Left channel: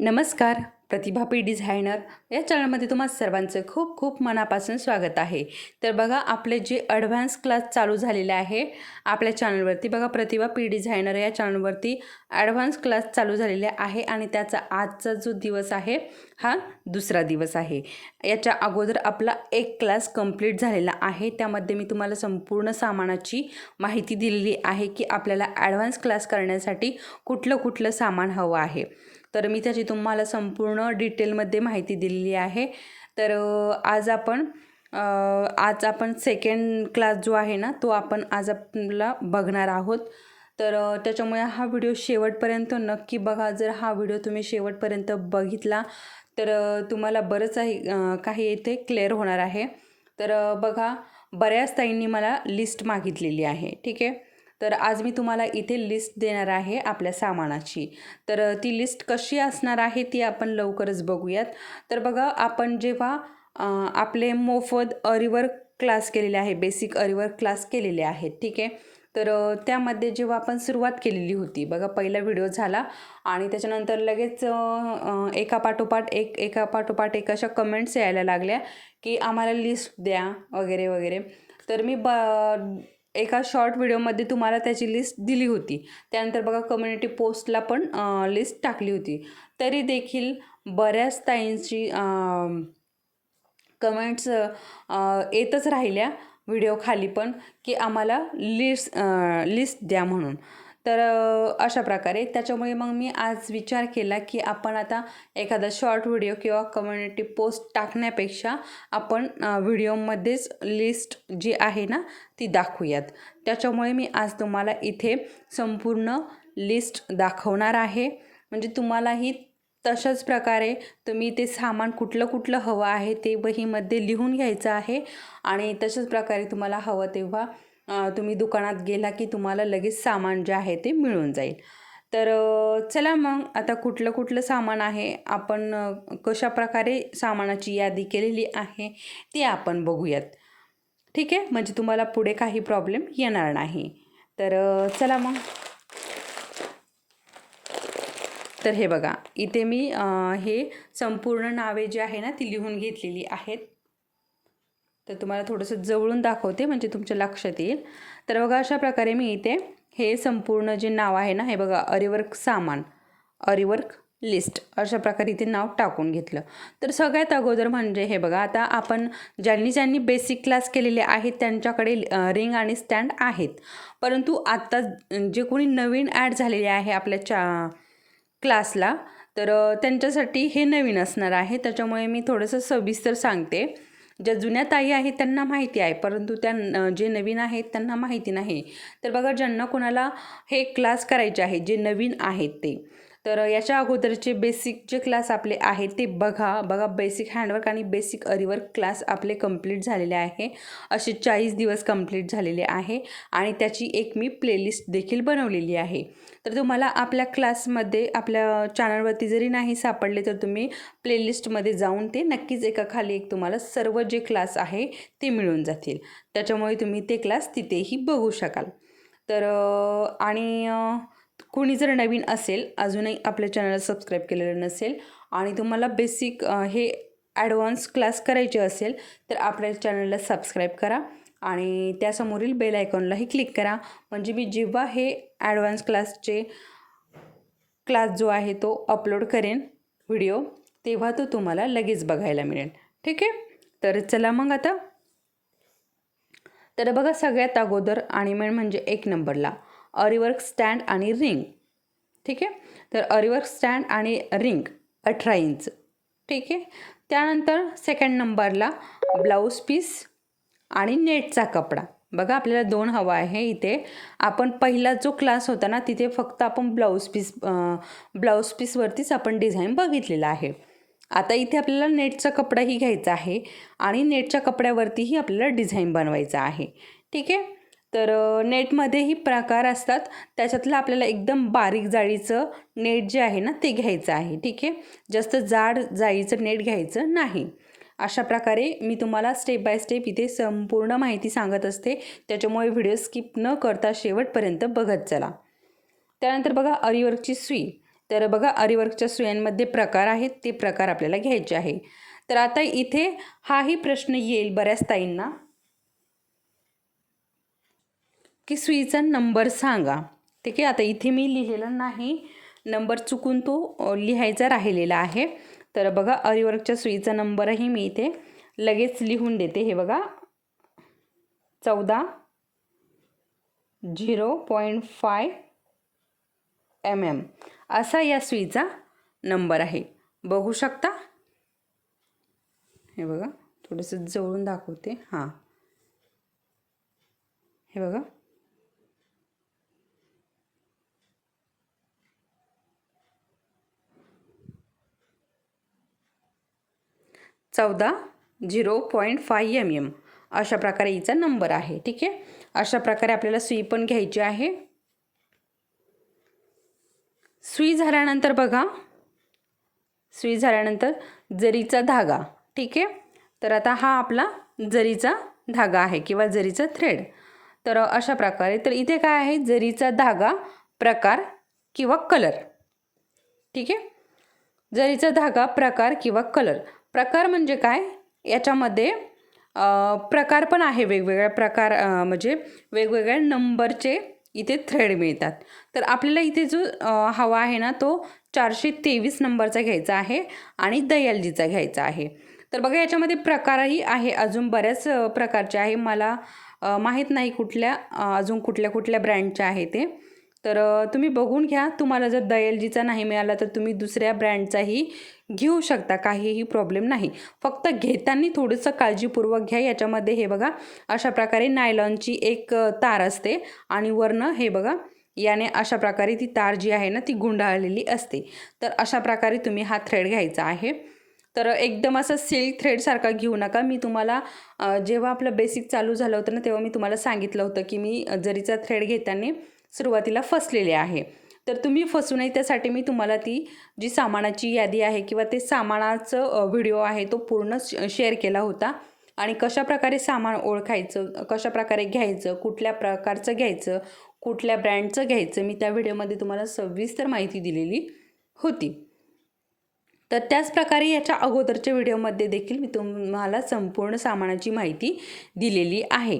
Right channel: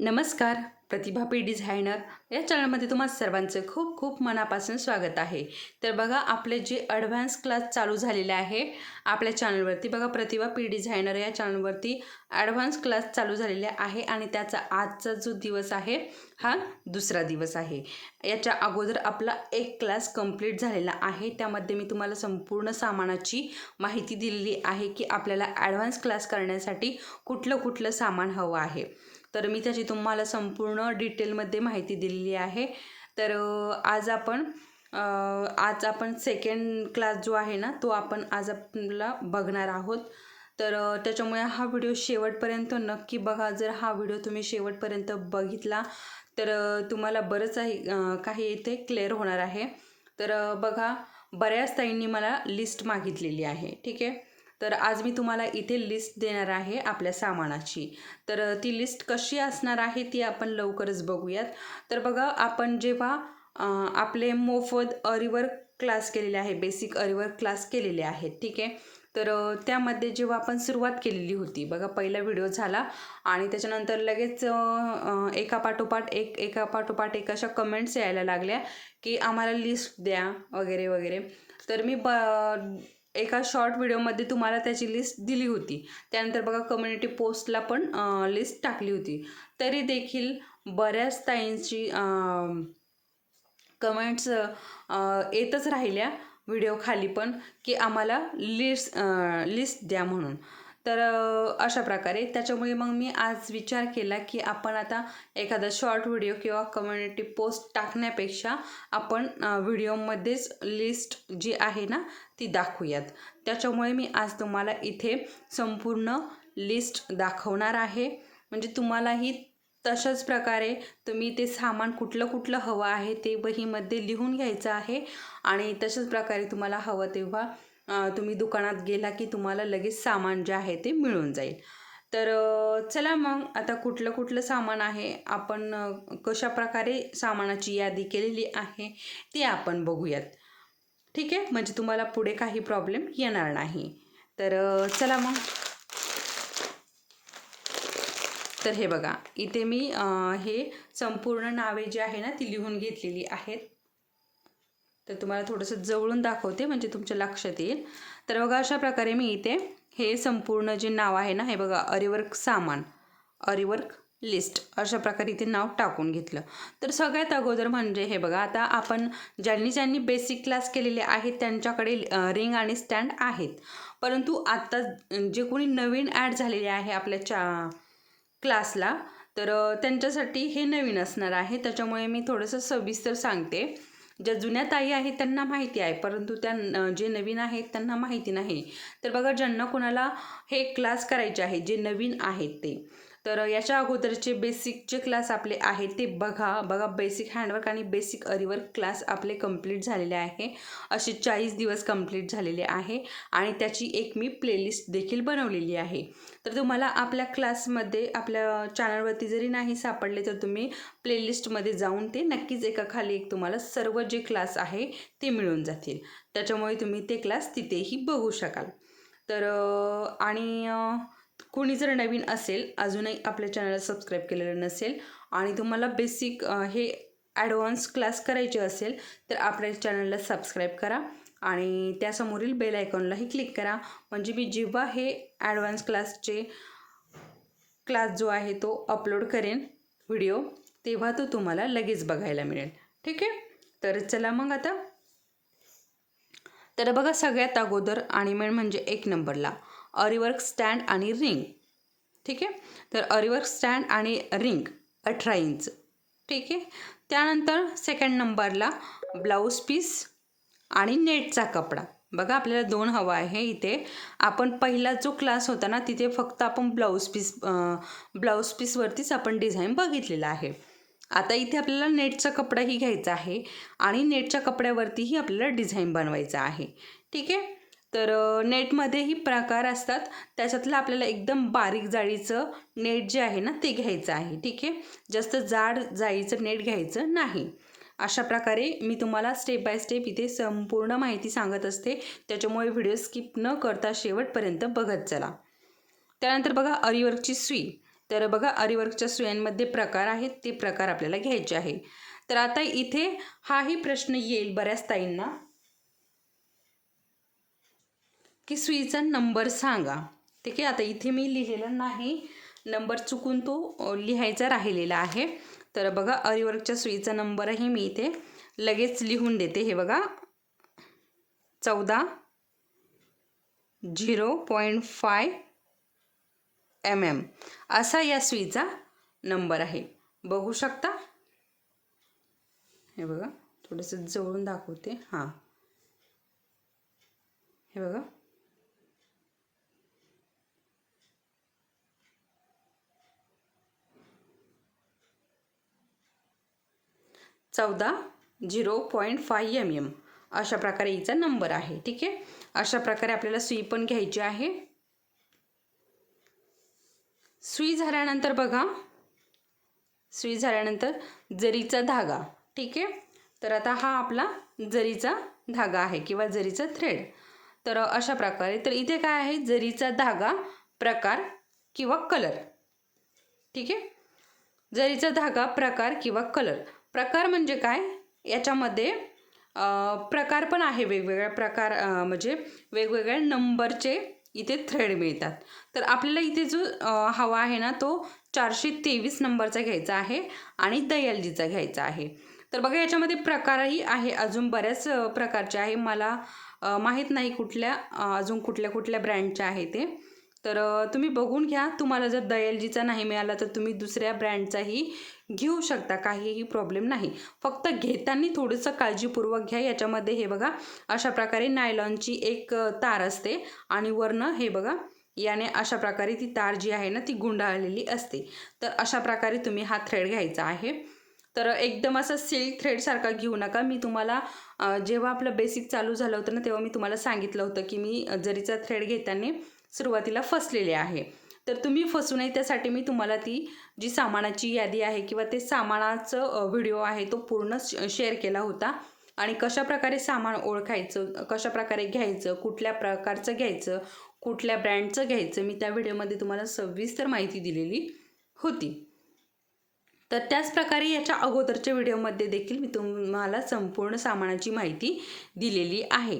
नमस्कार प्रतिभा P designer. या चॅनलमध्ये तुम्हा सर्वांचं खूप खूप मनापासून स्वागत आहे. तर बघा आपले जे ॲडव्हान्स क्लास चालू झालेले आहे आपल्या चॅनलवरती बघा प्रतिभा पी डिझायनर या चॅनलवरती ॲडव्हान्स क्लास चालू झालेले आहे आणि त्याचा आजचा जो दिवस आहे हा दुसरा दिवस आहे. याच्या अगोदर आपला एक क्लास कंप्लीट झालेला आहे. त्यामध्ये मी तुम्हाला संपूर्ण सामानाची माहिती दिलेली आहे की आपल्याला ॲडव्हान्स क्लास करण्यासाठी कुठलं कुठलं सामान हवं आहे. तर मी त्याची तुम्हाला संपूर्ण डिटेलमध्ये माहिती दिलेली आहे. तर आज आपण आज आपण सेकंड क्लास जो आहे ना तो आपण आज आपला बघणार आहोत. तर त्याच्यामुळे हा व्हिडिओ शेवटपर्यंत नक्की बघा. जर हा व्हिडिओ तुम्ही शेवटपर्यंत बघितला तर तुम्हाला बरंच आहे काही इथे क्लिअर होणार आहे. तर बघा बऱ्याच ताईंनी मला लिस्ट मागितलेली आहे. ठीक आहे? तर आज मी तुम्हाला इथे लिस्ट देणार आहे आपल्या सामानाची. तर ती लिस्ट कशी असणार आहे ती आपण लवकरच बघूयात. तर बघा आपण जेव्हा आपले मोफत अरिवर क्लास केलेले आहे बेसिक अरिवर क्लास केलेले आहेत ठीक आहे? तर त्यामध्ये जेव्हा आपण सुरुवात केलेली होती बघा पहिला व्हिडिओ झाला आणि त्याच्यानंतर लगेच एका पाठोपाठ एक एका पाठोपाठ एक अशा कमेंट्स यायला लागल्या की आम्हाला लिस्ट द्या वगैरे वगैरे. तर मी ब एका शॉर्ट व्हिडिओमध्ये तुम्हाला त्याची लिस्ट दिली होती. त्यानंतर बघा कम्युनिटी पोस्टला पण लिस्ट टाकली होती. तरी देखील बऱ्याच ताईंची कमेंट्स येतच राहिल्या व्हिडिओ खाली पण की आम्हाला लिस्ट लिस्ट द्या म्हणून. तर अशा प्रकारे. त्याच्यामुळे मग मी आज विचार केला की आपण आता एखादा शॉर्ट व्हिडिओ किंवा कम्युनिटी पोस्ट टाकण्यापेक्षा आपण व्हिडिओमध्येच लिस्ट जी आहे ना ती दाखवूयात. त्याच्यामुळे मी आज तुम्हाला इथे संपूर्ण लिस्ट दाखवणार आहे. म्हणजे तुम्हालाही तशाच प्रकारे तुम्ही ते सामान कुठलं कुठलं हवं आहे ते वहीमध्ये लिहून घ्यायचं आहे. आणि तशाच प्रकारे तुम्हाला हवं तेव्हा तुम्ही दुकानात गेला की तुम्हाला लगेच सामान जे आहे ते मिळून जाईल. तर चला मग आता कुठलं कुठलं सामान आहे? आपण कशा प्रकारे सामानाची यादी केलेली आहे ती आपण बघूयात. ठीक आहे? म्हणजे तुम्हाला पुढे काही प्रॉब्लेम येणार नाही. तर चला मग. तर हे बघा इथे मी हे संपूर्ण नावे जी आहे ना ती लिहून घेतलेली आहेत. तर तुम्हाला थोडंसं जवळून दाखवते म्हणजे तुमच्या लक्षात येईल. तर बघा अशा प्रकारे मी इथे हे संपूर्ण जे नाव आहे ना हे बघा अरिवर्क सामान अरिवर्क लिस्ट अशा प्रकारे इथे नाव टाकून घेतलं. तर सगळ्यात अगोदर म्हणजे हे बघा आता आपण ज्यांनी ज्यांनी बेसिक क्लास केलेले आहेत त्यांच्याकडे रिंग आणि स्टँड आहेत. परंतु आत्ता जे कोणी नवीन ॲड झालेले आहे आपल्या चा क्लासला तर त्यांच्यासाठी हे नवीन असणार आहे. त्याच्यामुळे मी थोडंसं सविस्तर सांगते. ज्या जुन्या ताई आहेत त्यांना माहिती आहे परंतु त्या जे नवीन आहेत त्यांना माहिती नाही. तर बघा ज्यांना कोणाला हे क्लास करायचे आहेत जे नवीन आहेत ते. तर याच्या अगोदरचे बेसिक जे क्लास आपले आहेत ते बघा. बघा बेसिक हँडवर्क आणि बेसिक अरिवर्क क्लास आपले कंप्लीट झालेले आहे. असे चाळीस दिवस कंप्लीट झालेले आहे. आणि त्याची एक मी प्लेलिस्ट देखील बनवलेली आहे. तर तुम्हाला आपल्या क्लासमध्ये आपल्या चॅनलवरती जरी नाही सापडले तर तुम्ही प्लेलिस्टमध्ये जाऊन ते नक्कीच एका खाली एक तुम्हाला सर्व जे क्लास आहे ते मिळून जातील. त्याच्यामुळे तुम्ही ते क्लास तिथेही बघू शकाल. तर आणि कोणी जर नवीन असेल अजूनही आपल्या चॅनलला सबस्क्राईब केलेलं नसेल आणि तुम्हाला बेसिक हे ॲडव्हान्स क्लास करायचे असेल तर आपल्या चॅनलला सबस्क्राईब करा आणि त्यासमोरील बेल आयकॉनलाही क्लिक करा. म्हणजे मी जेव्हा हे ॲडव्हान्स क्लासचे क्लास जो आहे तो अपलोड करेन व्हिडिओ तेव्हा तो तुम्हाला लगेच बघायला मिळेल. ठीक आहे? तर चला मग आता. तर बघा सगळ्यात अगोदर आणि मेन म्हणजे एक नंबरला अरिवर्क स्टँड आणि रिंग. ठीक आहे? तर अरिवर्क स्टँड आणि रिंग अठरा इंच. ठीक आहे? त्यानंतर सेकंड नंबरला ब्लाऊज पीस आणि नेटचा कपडा. बघा आपल्याला दोन हवा आहे इथे. आपण पहिला जो क्लास होता ना तिथे फक्त आपण ब्लाऊज पीस ब्लाऊज पीसवरतीच आपण डिझाईन बघितलेला आहे. आता इथे आपल्याला नेटचा कपडाही घ्यायचा आहे आणि नेटच्या कपड्यावरतीही आपल्याला डिझाईन बनवायचा आहे. ठीक आहे? तर नेटमध्येही प्रकार असतात. त्याच्यातलं आपल्याला एकदम बारीक जाळीचं नेट जे आहे ना ते घ्यायचं आहे. ठीक आहे? जास्त जाड जाळीचं नेट घ्यायचं नाही. अशा प्रकारे मी तुम्हाला स्टेप बाय स्टेप इथे संपूर्ण माहिती सांगत असते. त्याच्यामुळे व्हिडिओ स्किप न करता शेवटपर्यंत बघत चला. त्यानंतर बघा अरिवर्कची सुई. तर बघा अरिवर्कच्या सुयांमध्ये प्रकार आहेत. ते प्रकार आपल्याला घ्यायचे आहे. तर आता इथे हाही प्रश्न येईल बऱ्याच ताईंना. की सुईचा नंबर सांगा. ठीक आहे आता इथे मी लिहिलेलं नाही. नंबर चुकून तो लिहायचा राहिलेला आहे. तर बघा अरिवर्कच्या सुईचा नंबरही मी इथे लगेच लिहून देते. हे बघा चौदा zero point five M M. असा या सुईचा नंबर आहे. बघू शकता? हे बघा थोडंसं जवळून दाखवते. हां. हे बघा. चौदा zero point five M M अशा प्रकारे हिचा नंबर आहे ठीक आहे? अशा प्रकारे आपल्याला सुई पण घ्यायची आहे. सुई झाल्यानंतर बघा सुई झाल्यानंतर जरीचा धागा ठीक आहे? तर आता हा आपला जरीचा धागा आहे किंवा जरीचा थ्रेड तर अशा प्रकारे तर इथे काय आहे? जरीचा धागा प्रकार किंवा कलर ठीक आहे? जरीचा धागा प्रकार किंवा कलर प्रकार म्हणजे काय? याच्यामध्ये प्रकार पण आहे वेगवेगळ्या प्रकार म्हणजे वेगवेगळ्या नंबरचे इथे थ्रेड मिळतात. तर आपल्याला इथे जो हवा आहे ना तो चारशे तेवीस नंबरचा घ्यायचा आहे आणि दयालजीचा घ्यायचा आहे. तर बघा याच्यामध्ये प्रकारही आहे अजून बऱ्याच प्रकारचे आहे. मला माहीत नाही कुठल्या अजून कुठल्या कुठल्या ब्रँडच्या आहे ते. तर तुम्ही बघून घ्या. तुम्हाला जर दयालजीचा नाही मिळाला तर तुम्ही दुसऱ्या ब्रँडचाही घेऊ शकता काहीही प्रॉब्लेम नाही. फक्त घेताना थोडंसं काळजीपूर्वक घ्या. याच्यामध्ये हे बघा अशा प्रकारे नायलॉनची एक तार असते आणि वरनं हे बघा याने अशा प्रकारे ती तार जी आहे ना ती गुंडाळलेली असते. तर अशा प्रकारे तुम्ही हा थ्रेड घ्यायचा आहे. तर एकदम असं सिल्क थ्रेडसारखा घेऊ नका. मी तुम्हाला जेव्हा आपलं बेसिक चालू झालं होतं ना तेव्हा मी तुम्हाला सांगितलं होतं की मी जरीचा थ्रेड घेताना सुरुवातीला फसलेले आहे. तर तुम्ही फसू नये त्यासाठी मी तुम्हाला ती जी सामानाची यादी आहे किंवा ते सामानाचं व्हिडिओ आहे तो पूर्ण शेअर केला होता. आणि कशा प्रकारे सामान ओळखायचं कशा प्रकारे घ्यायचं कुठल्या प्रकारचं घ्यायचं कुठल्या ब्रँडचं घ्यायचं मी त्या व्हिडिओमध्ये तुम्हाला सविस्तर माहिती दिलेली होती. तर त्याच प्रकारे याच्या अगोदरच्या व्हिडिओमध्ये देखील मी तुम्हाला संपूर्ण सामानाची माहिती दिलेली आहे.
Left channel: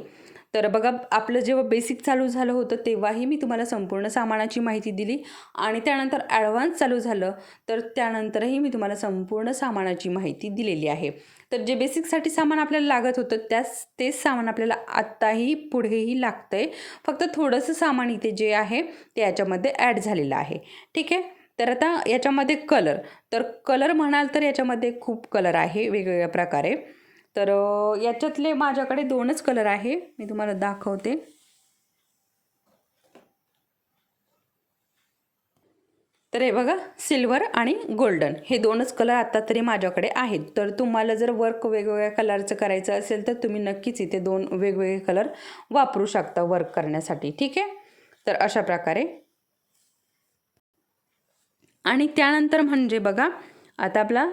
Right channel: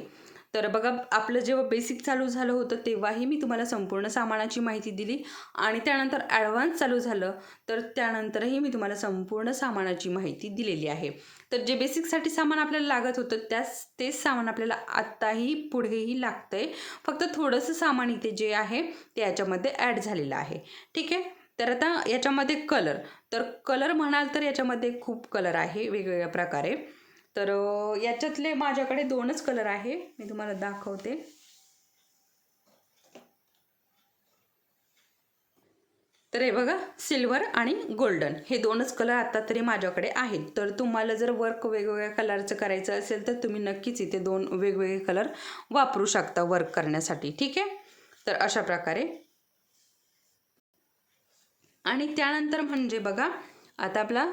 तर बघा आपलं जेव्हा बेसिक चालू झालं होतं तेव्हाही मी तुम्हाला संपूर्ण सामानाची माहिती दिली आणि त्यानंतर ॲडव्हान्स चालू झालं तर त्यानंतरही मी तुम्हाला संपूर्ण सामानाची माहिती दिलेली आहे. तर जे बेसिकसाठी सामान आपल्याला लागत होतं त्याच तेच सामान आपल्याला आत्ताही पुढेही लागतं आहे फक्त थोडंसं सामान इथे जे आहे ते याच्यामध्ये ॲड झालेलं आहे. ठीक आहे? तर आता याच्यामध्ये कलर तर कलर म्हणाल तर याच्यामध्ये खूप कलर आहे वेगवेगळ्या प्रकारे. तर याच्यातले माझ्याकडे दोनच कलर आहे. मी तुम्हाला दाखवते. तर हे बघा सिल्वर आणि गोल्डन हे दोनच कलर आत्ता तरी माझ्याकडे आहेत. तर तुम्हाला जर वर्क वेगवेगळ्या कलरचं करायचं असेल तर तुम्ही नक्कीच इथे दोन वेगवेगळे कलर वापरू शकता वर्क करण्यासाठी. ठीक आहे? तर अशा प्रकारे. आणि त्यानंतर म्हणजे बघा आता आपला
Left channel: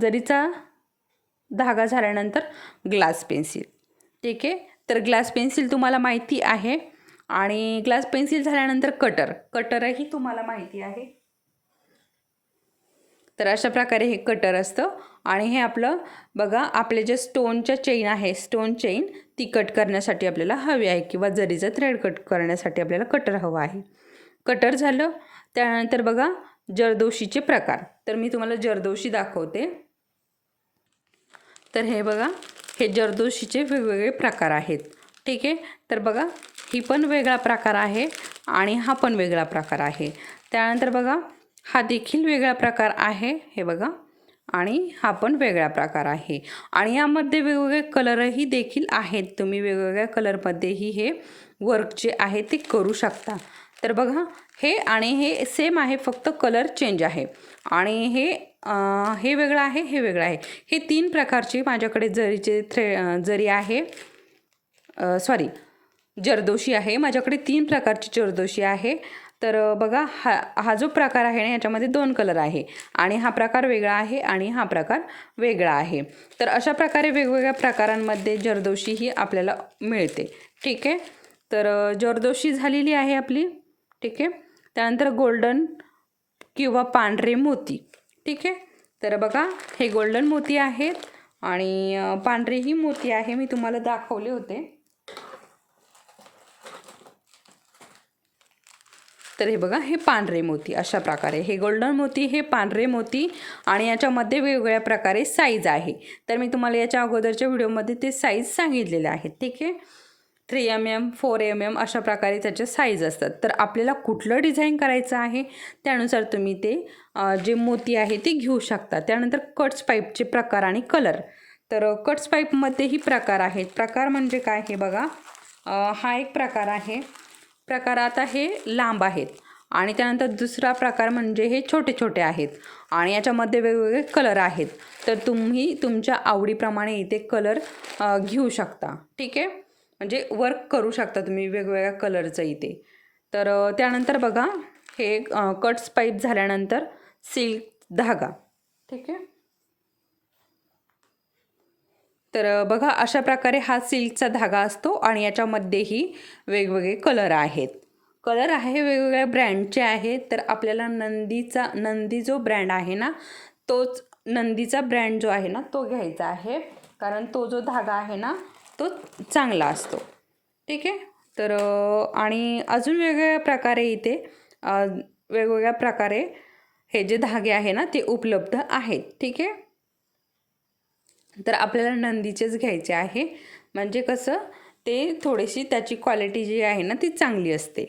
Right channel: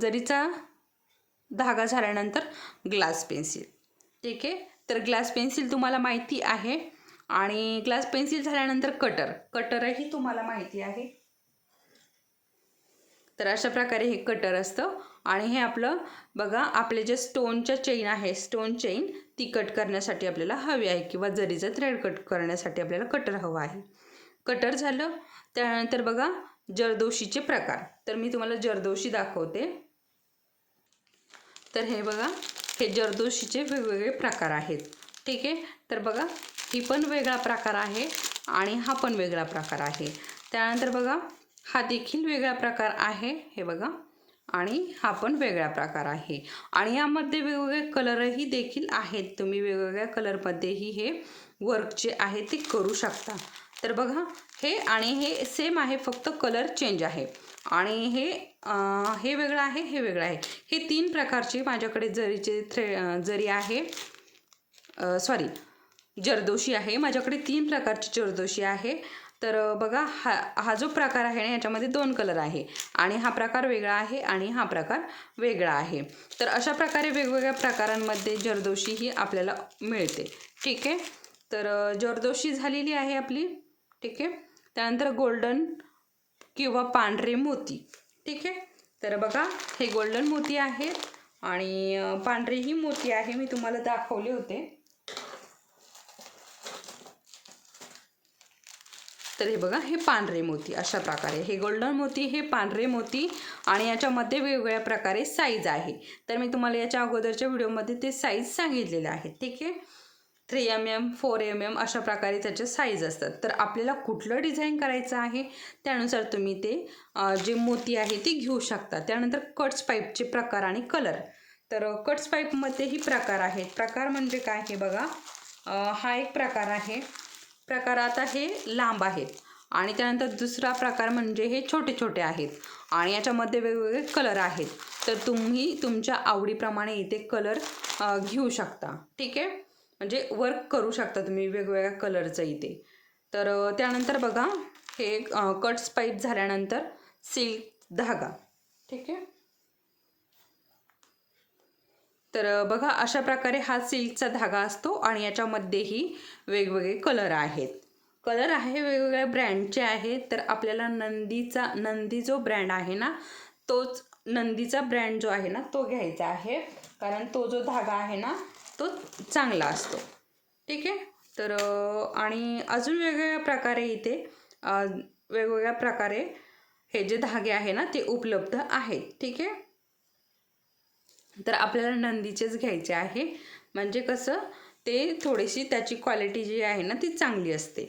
जरीचा धागा झाल्यानंतर ग्लास पेन्सिल. ठीक आहे? तर ग्लास पेन्सिल तुम्हाला माहिती आहे. आणि ग्लास पेन्सिल झाल्यानंतर कटर. कटरही तुम्हाला माहिती आहे. तर अशा प्रकारे हे कटर असतं. आणि हे आपलं बघा आपले जे स्टोनच्या चेन आहे स्टोन चेन ती कट करण्यासाठी आपल्याला हवी आहे किंवा जरीचं थ्रेड कट करण्यासाठी आपल्याला कटर हवं आहे. कटर झालं त्यानंतर बघा जरदोशीचे प्रकार. तर मी तुम्हाला जरदोशी दाखवते. तर हे बघा हे जरदोशीचे वेगवेगळे प्रकार आहेत. ठीक आहे? तर बघा ही पण वेगळा प्रकार आहे आणि हा पण वेगळा प्रकार आहे. त्यानंतर बघा हा देखील वेगळा प्रकार आहे हे बघा आणि हा पण वेगळा प्रकार आहे. आणि यामध्ये वेगवेगळे कलरही देखील आहेत. तुम्ही वेगवेगळ्या कलरमध्येही हे वर्क जे आहे ते करू शकता. तर बघा हे आणि हे सेम आहे फक्त कलर चेंज आहे. आणि हे हे वेगळं आहे हे वेगळं आहे. हे तीन प्रकारचे माझ्याकडे जरीचे थ्रे जरी आहे सॉरी जरदोशी आहे. माझ्याकडे तीन प्रकारची जरदोशी आहे. तर बघा हा हा जो प्रकार आहे ना याच्यामध्ये दोन कलर आहे. आणि हा प्रकार वेगळा आहे आणि हा प्रकार वेगळा आहे. तर अशा प्रकारे वेगवेगळ्या प्रकारांमध्ये जरदोशी ही आपल्याला मिळते. ठीक आहे? तर जरदोशी झालेली आहे आपली. ठीक आहे? त्यानंतर गोल्डन किंवा पांढरे मोती. ठीक आहे? तर बघा हे गोल्डन मोती आहेत आणि पांढरेही मोती आहे मी तुम्हाला दाखवले होते. तर हे बघा हे पांढरे मोती अशा प्रकारे. हे गोल्डन मोती हे पांढरे मोती आणि याच्यामध्ये वेगवेगळ्या प्रकारे साईज आहे. तर मी तुम्हाला याच्या अगोदरच्या व्हिडिओमध्ये ते साईज सांगितलेले आहेत ठीक आहे? Three M M four M M अशा प्रकारे त्याचे साईज असतात. तर आपल्याला कुठलं डिझाईन करायचं आहे त्यानुसार तुम्ही ते जे मोती आहे ते घेऊ शकता. त्यानंतर कट्स पाईपचे प्रकार आणि कलर तर कट्स पाईपमध्येही प्रकार आहेत. प्रकार म्हणजे काय हे बघा. हा एक प्रकार आहे. प्रकार आता हे लांब आहेत. आणि त्यानंतर दुसरा प्रकार म्हणजे हे छोटे छोटे आहेत. आणि याच्यामध्ये वेगवेगळे कलर आहेत. तर तुम्ही तुमच्या आवडीप्रमाणे इथे कलर घेऊ शकता. ठीक आहे? म्हणजे वर्क करू शकता तुम्ही वेगवेगळ्या कलरचं इथे. तर त्यानंतर बघा हे कट्स पाईप झाल्यानंतर सिल्क धागा. ठीक आहे? तर बघा अशा प्रकारे हा सिल्कचा धागा असतो आणि याच्यामध्येही वेगवेगळे कलर आहेत. कलर आहे वेगवेगळ्या ब्रँडचे आहेत तर आपल्याला नंदीचा नंदी जो ब्रँड आहे ना तोच नंदीचा ब्रँड जो आहे ना तो घ्यायचा आहे. कारण तो जो धागा आहे ना तो चांगला असतो. ठीक आहे? तर आणि अजून वेगवेगळ्या प्रकारे इथे वेगवेगळ्या प्रकारे हे जे धागे आहे ना ते उपलब्ध आहेत. ठीक आहे? तर आपल्याला नंदीचेच घ्यायचे आहे. म्हणजे कसं ते थोडीशी त्याची क्वालिटी जी आहे ना ती चांगली असते.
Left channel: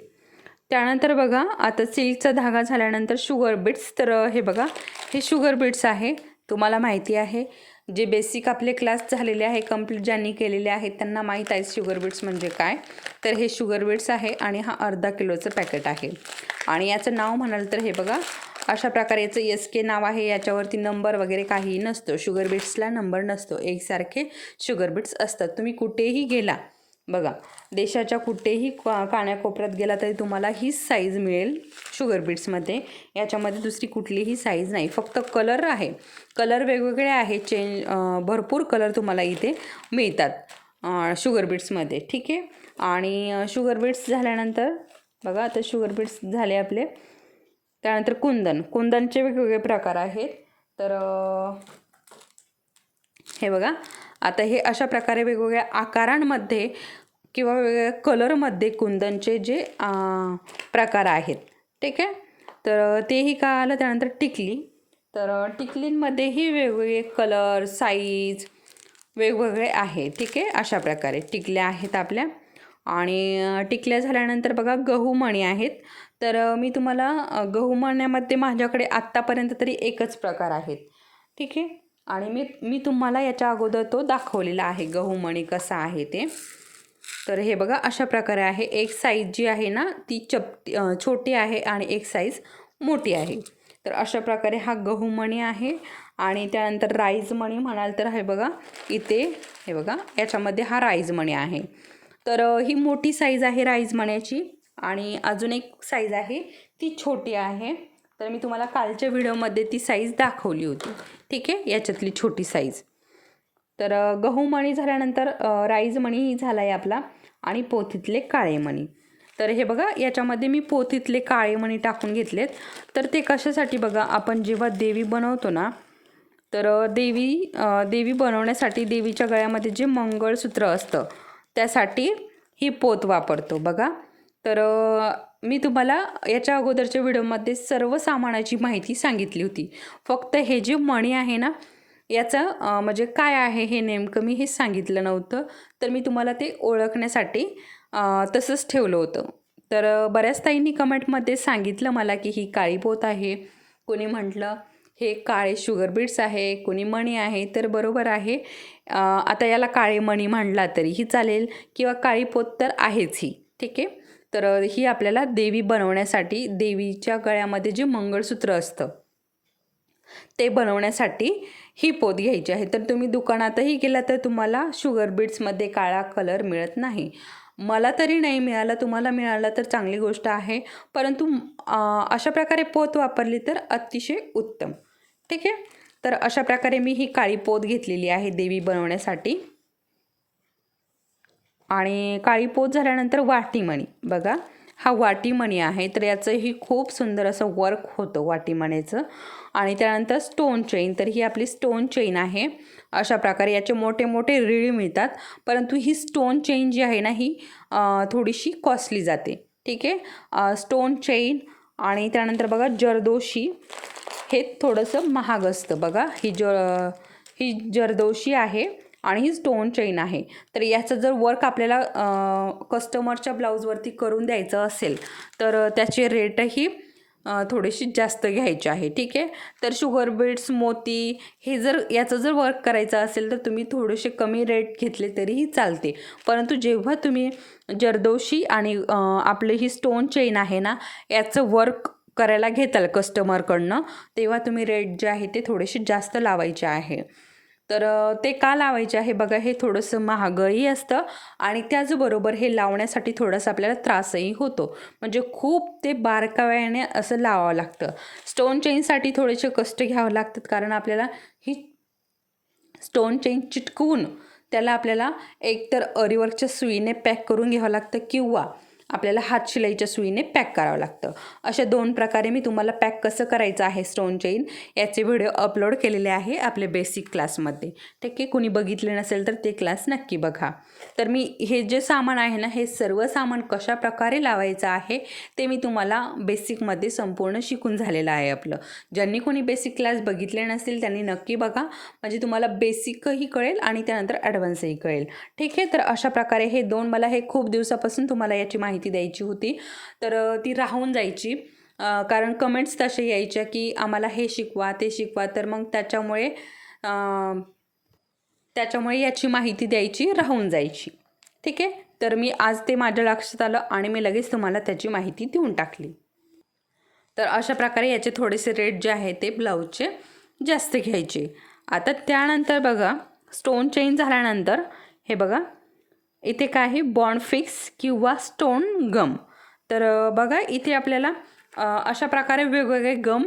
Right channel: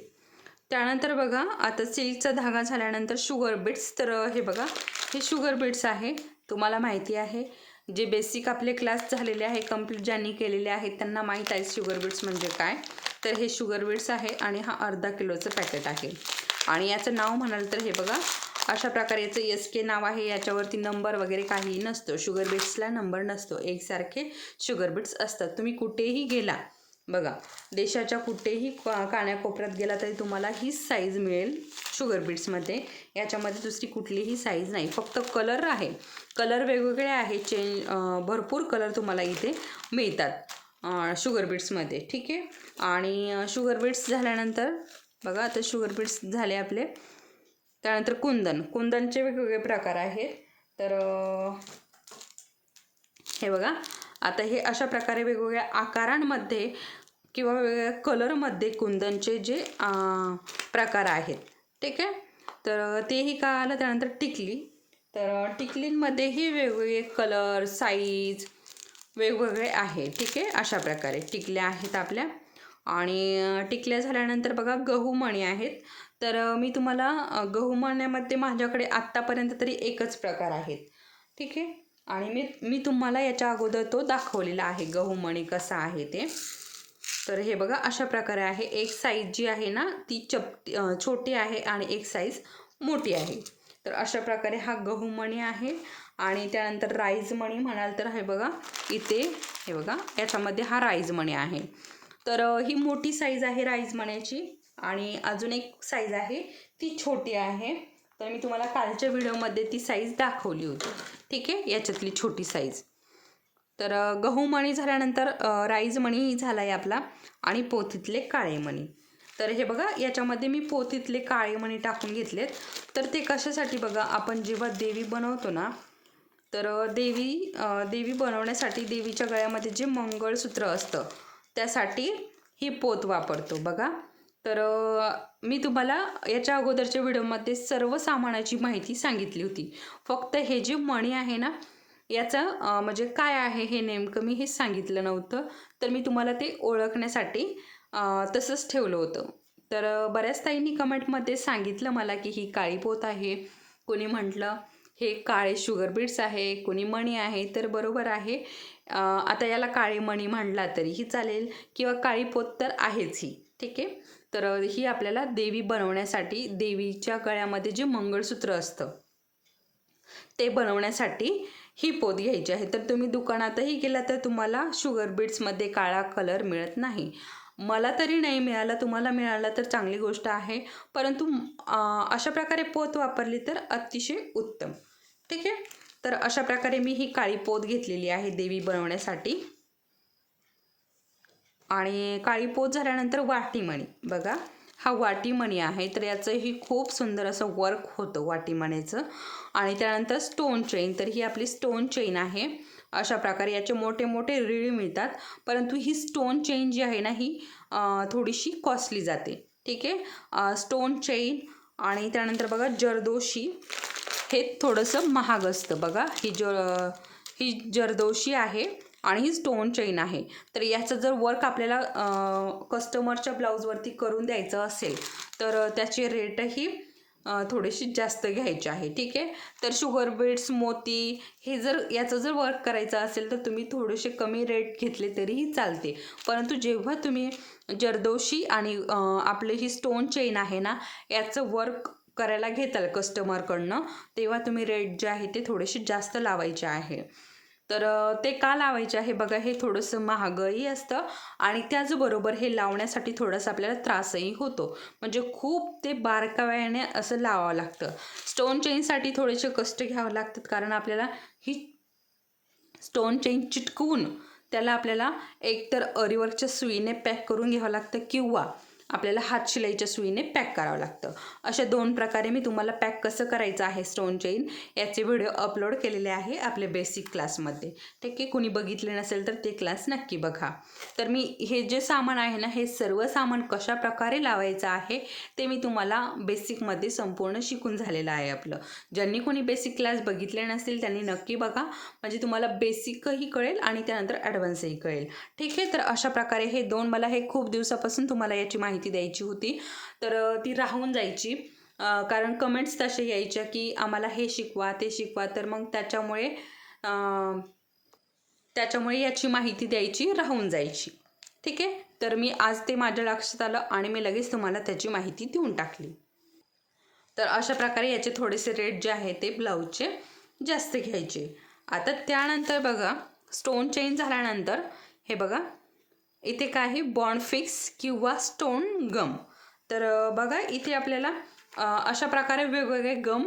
त्यानंतर बघा आता सिल्कचा धागा झाल्यानंतर शुगर बीट्स तर हे बघा हे शुगर बीट्स आहे. तुम्हाला माहिती आहे. जे बेसिक आपले क्लास झालेले आहे कंप्लीट ज्यांनी केलेले आहेत त्यांना माहीत आहे शुगर बीट्स म्हणजे काय. तर हे शुगर बीट्स आहे आणि हा अर्धा किलोचं पॅकेट आहे. आणि याचं नाव म्हणाल तर हे बघा अशा प्रकारे याचं एस के नाव आहे याच्यावरती नंबर वगैरे काहीही नसतो. शुगर बीट्सला नंबर नसतो. एकसारखे शुगर बीट्स असतात. तुम्ही कुठेही गेला बघा देशाच्या कुठेही का गेला तरी तुम्हाला हीच साईज मिळेल शुगर बीट्समध्ये याच्यामध्ये दुसरी कुठलीही साईज नाही. फक्त कलर आहे. कलर वेगवेगळे आहेत चेंज भरपूर कलर तुम्हाला इथे मिळतात शुगर बीट्समध्ये ठीक आहे? आणि शुगर बीट्स झाल्यानंतर बघा आता शुगर बीट्स झाले आपले त्यानंतर कुंदन कुंदनचे वेगवेगळे प्रकार आहेत तर हे बघा आता हे अशा प्रकारे वेगवेगळ्या आकारांमध्ये किंवा वेगवेगळ्या कलरमध्ये कुंदनचे जे प्रकार आहेत ठीक आहे? तर तेही का आलं त्यानंतर टिकली तर टिकलींमध्येही वेगवेगळे कलर साईज वेगवेगळे आहे ठीक आहे? अशा प्रकारे टिकल्या आहेत आपल्या. आणि टिकल्या झाल्यानंतर बघा गहू मणी आहेत. तर मी तुम्हाला गहू मण्यामध्ये माझ्याकडे आत्तापर्यंत तरी एकच प्रकार आहेत ठीक आहे? आणि मी मी तुम्हाला याच्या अगोदर तो दाखवलेला आहे गहू मणी कसा आहे ते. तर हे बघा अशा प्रकारे आहे. एक साईज जी आहे ना ती चपटी छोटी आहे आणि एक साईज मोठी आहे. तर अशा प्रकारे हा गहू मणी आहे आणि त्यानंतर राईज मणी म्हणाल तर हे बघा इथे हे बघा याच्यामध्ये हा राईज मणी आहे. तर ही मोठी साईज आहे राईज मण्याची आणि अजून एक साईज आहे ती छोटी आहे. तर मी तुम्हाला कालच्या व्हिडिओमध्ये ती साईज दाखवली होती. ठीक आहे? याच्यातली छोटी साईज तर गहू मणी झाल्यानंतर राईज मणी झाला आहे आपला आणि पोथीतले काळे मणी. तर हे बघा याच्यामध्ये मी पोतीतले काळे मणी टाकून घेतलेत. तर ते कशासाठी बघा आपण जेव्हा देवी बनवतो ना तर देवी देवी बनवण्यासाठी देवीच्या गळ्यामध्ये जे मंगळसूत्र असतं त्यासाठी ही पोत वापरतो बघा. तर मी तुम्हाला याच्या अगोदरच्या व्हिडिओमध्ये सर्व सामानाची माहिती सांगितली होती. फक्त हे जे मणी आहे ना याचं म्हणजे काय आहे हे नेमकं मी हे सांगितलं नव्हतं. तर मी तुम्हाला ते ओळखण्यासाठी तसंच ठेवलं होतं. तर बऱ्याच ताईंनी कमेंटमध्ये सांगितलं मला की ही काळी पोत आहे. कोणी म्हटलं हे काळे शुगर बीट्स आहे कोणी मणी आहे तर बरोबर आहे. आता याला काळे मणी म्हणला तरीही चालेल किंवा काळी पोत तर आहेच ही. ठीक आहे? तर ही आपल्याला देवी बनवण्यासाठी देवीच्या गळ्यामध्ये जे मंगळसूत्र असतं ते बनवण्यासाठी ही पोत घ्यायची आहे. तर तुम्ही दुकानातही गेला तर तुम्हाला शुगर बीट्समध्ये काळा कलर मिळत नाही. मला तरी नाही मिळाला तुम्हाला मिळाला तर चांगली गोष्ट आहे. परंतु अशा प्रकारे पोत वापरली तर अतिशय उत्तम. ठीक आहे? तर अशा प्रकारे मी ही काळी पोत घेतलेली आहे देवी बनवण्यासाठी. आणि काळी पोत झाल्यानंतर वाटीमणी. बघा हा वाटीमणी आहे तर याचंही खूप सुंदर असं वर्क होतं वाटीमणीचं. आणि त्यानंतर स्टोन चेन तर ही आपली स्टोन चेन आहे. अशा प्रकारे याचे मोठे मोठे रिळ मिळतात. परंतु ही स्टोन चेन जी आहे ना ही थोडीशी कॉस्टली जाते. ठीक आहे? स्टोन चेन आणि त्यानंतर बघा जरदोशी. हे थोडंसं महाग असतं बघा. ही ज ही जरदोशी आहे आणि ही स्टोन चेन आहे. तर याचं जर वर्क आपल्याला कस्टमरच्या ब्लाऊजवरती करून द्यायचं असेल तर त्याचे रेटही थोडीशी जास्त घ्यायचे आहे. ठीक आहे? तर शुगर बीट्स मोती हे जर याचं जर वर्क करायचं असेल तर तुम्ही थोडेसे कमी रेट घेतले तरीही चालते. परंतु जेव्हा तुम्ही जरदोशी आणि आपले ही स्टोन चेन आहे ना याचं वर्क करायला घेताल कस्टमरकडनं तेव्हा तुम्ही रेट जे आहे ते थोडेसे जास्त लावायचे आहे. तर ते का लावायचे आहे बघा हे थोडंसं महागही असतं आणि त्याचबरोबर हे लावण्यासाठी थोडासा आपल्याला त्रासही होतो. म्हणजे खूप ते बारकाव्याने असं लावावं लागतं. स्टोन चेनसाठी थोडेसे कष्ट घ्यावं लागतात कारण आपल्याला ही स्टोन चेन चिटकवून त्याला आपल्याला एकतर अरीवर्कच्या सुईने पॅक करून घ्यावं लागतं किंवा आपल्याला हात शिलाईच्या सुईने पॅक करावं लागतं. अशा दोन प्रकारे मी तुम्हाला पॅक कसं करायचं आहे स्टोन चेन याचे व्हिडिओ अपलोड केलेले आहे आपले बेसिक क्लासमध्ये. ठीक आहे कुणी बघितले नसेल तर ते क्लास नक्की बघा. तर मी हे जे सामान आहे ना हे सर्व सामान कशा प्रकारे लावायचं आहे ते मी तुम्हाला बेसिकमध्ये संपूर्ण शिकून झालेलं आहे आपलं. ज्यांनी कोणी बेसिक क्लास बघितले नसतील त्यांनी नक्की बघा. म्हणजे तुम्हाला बेसिकही कळेल आणि त्यानंतर ॲडव्हान्सही कळेल. ठीक आहे? तर अशा प्रकारे हे दोन मला हे खूप दिवसापासून तुम्हाला याची माहिती माहिती द्यायची होती. तर ती राहून जायची. कारण कमेंट्स तसे यायच्या की आम्हाला हे शिकवा ते शिकवा. तर मग त्याच्यामुळे त्याच्यामुळे याची माहिती द्यायची राहून जायची. ठीक आहे? तर मी आज ते माझ्या लक्षात आलं आणि मी लगेच तुम्हाला त्याची माहिती देऊन टाकली. तर अशा प्रकारे याचे थोडेसे रेट जे आहे ते ब्लाऊजचे जास्त घ्यायचे. आता त्यानंतर बघा स्टोन चेन झाल्यानंतर हे बघा इथे काय आहे बॉन्ड फिक्स किंवा स्टोन गम. तर बघा इथे आपल्याला अशा प्रकारे वेगवेगळे गम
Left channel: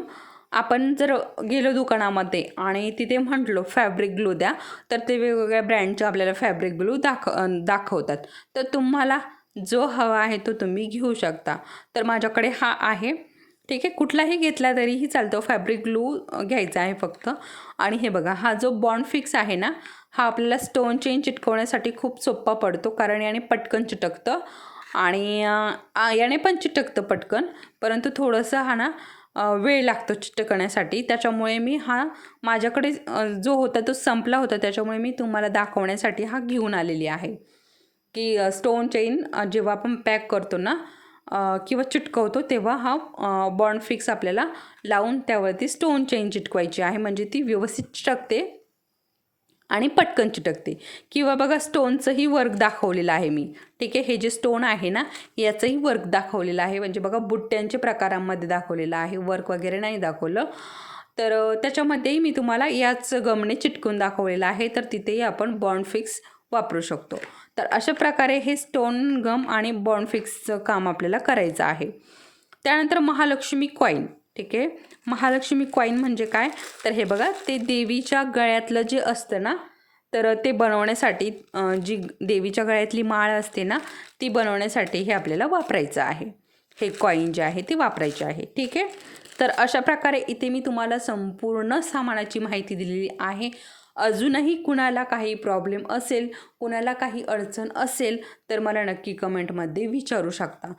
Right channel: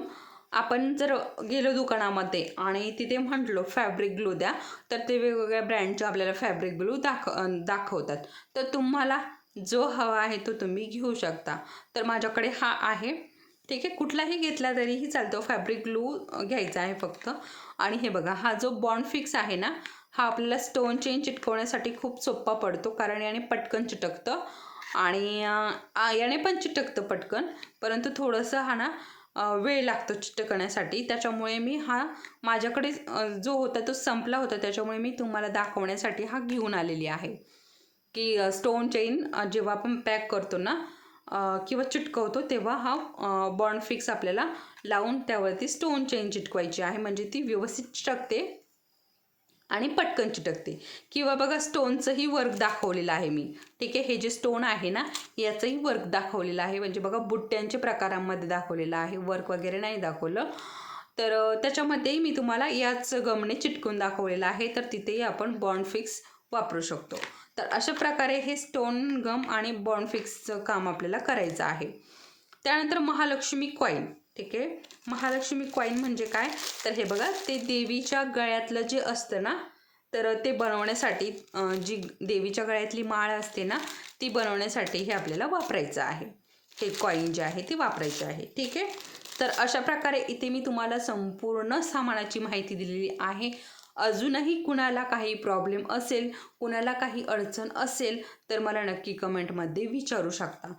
आपण जर गेलो दुकानामध्ये आणि तिथे म्हटलो फॅब्रिक ग्लू द्या तर ते वेगवेगळ्या ब्रँडचे आपल्याला फॅब्रिक ग्लू दाख दाखवतात. तर तुम्हाला जो हवा आहे तो तुम्ही घेऊ शकता. तर माझ्याकडे हा आहे. ठीक आहे? कुठलाही घेतला तरीही चालतो. फॅब्रिक ग्लू घ्यायचा आहे फक्त. आणि हे बघा हा जो बॉन्ड फिक्स आहे ना हा आपल्याला स्टोन चेन चिटकवण्यासाठी खूप सोपा पडतो. कारण याने पटकन चिटकतं. आणि याने पण चिटकतं पटकन. परंतु थोडंसं हा ना वेळ लागतो चिटकण्यासाठी. त्याच्यामुळे मी हा माझ्याकडे जो होता तो संपला होता. त्याच्यामुळे मी तुम्हाला दाखवण्यासाठी हा घेऊन आलेली आहे. की स्टोन चेन जेव्हा आपण पॅक करतो ना किंवा चिटकवतो तेव्हा हा बॉन्ड फिक्स आपल्याला लावून त्यावरती स्टोन चेन चिटकवायची आहे. म्हणजे ती व्यवस्थित चिटकते. आणि पटकन चिटकते. किंवा बघा स्टोनचंही वर्क दाखवलेलं आहे मी. ठीक आहे हे जे स्टोन आहे ना याचंही वर्क दाखवलेलं आहे. म्हणजे बघा बुट्ट्यांच्या प्रकारांमध्ये दाखवलेलं आहे. वर्क वगैरे नाही दाखवलं. तर त्याच्यामध्येही मी तुम्हाला याच गमने चिटकून दाखवलेलं आहे. तर तिथेही आपण बॉन्ड फिक्स वापरू शकतो. तर अशा प्रकारे हे स्टोन गम आणि बॉन्ड फिक्सचं काम आपल्याला करायचं आहे. त्यानंतर महालक्ष्मी कॉईन ठीक आहे? महालक्ष्मी कॉईन म्हणजे काय? तर हे बघा ते देवीच्या गळ्यातलं जे असतं ना तर ते बनवण्यासाठी जी देवीच्या गळ्यातली माळ असते ना ती बनवण्यासाठी हे आपल्याला वापरायचं आहे. हे कॉईन जे आहे ते वापरायचे आहे. ठीक आहे? तर अशा प्रकारे इथे मी तुम्हाला संपूर्ण सामानाची माहिती दिलेली आहे. अजूनही कुणाला काही प्रॉब्लेम असेल कुणाला काही अडचण असेल तर मला नक्की कमेंटमध्ये विचारू शकता.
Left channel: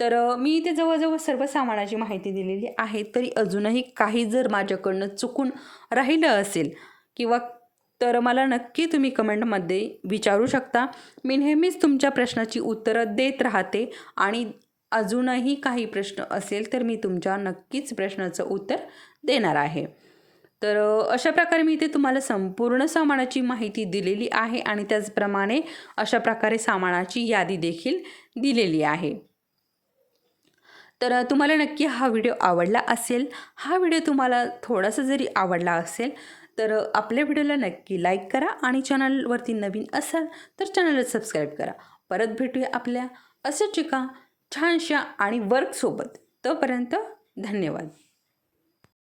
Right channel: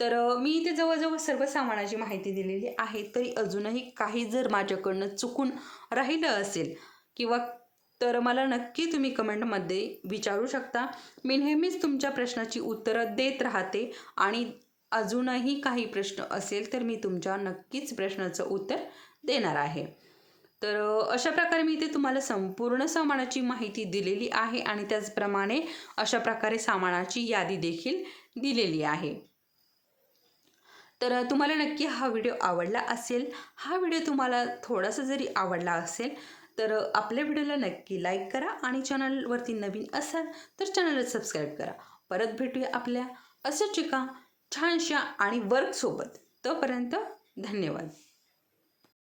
तर मी इथे जवळजवळ सर्व सामानाची माहिती दिलेली आहे तरी अजूनही काही जर माझ्याकडनं चुकून राहिलं असेल किंवा तर मला नक्की तुम्ही कमेंटमध्ये विचारू शकता. मी नेहमीच तुमच्या प्रश्नाची उत्तरं देत राहते आणि अजूनही काही प्रश्न असेल तर मी तुमच्या नक्कीच प्रश्नाचं उत्तर देणार आहे. तर अशा प्रकारे मी इथे तुम्हाला संपूर्ण सामानाची माहिती दिलेली आहे आणि त्याचप्रमाणे अशा प्रकारे सामानाची यादी देखील दिलेली आहे. तर तुम्हाला नक्की हा व्हिडिओ आवडला असेल हा व्हिडिओ तुम्हाला थोडासा जरी आवडला असेल तर आपल्या व्हिडिओला नक्की लाईक करा आणि चॅनलवरती नवीन असाल तर चॅनलला सबस्क्राईब करा. परत भेटूया आपल्या असंच एका छानशा आणि वर्कसोबत. तोपर्यंत धन्यवाद.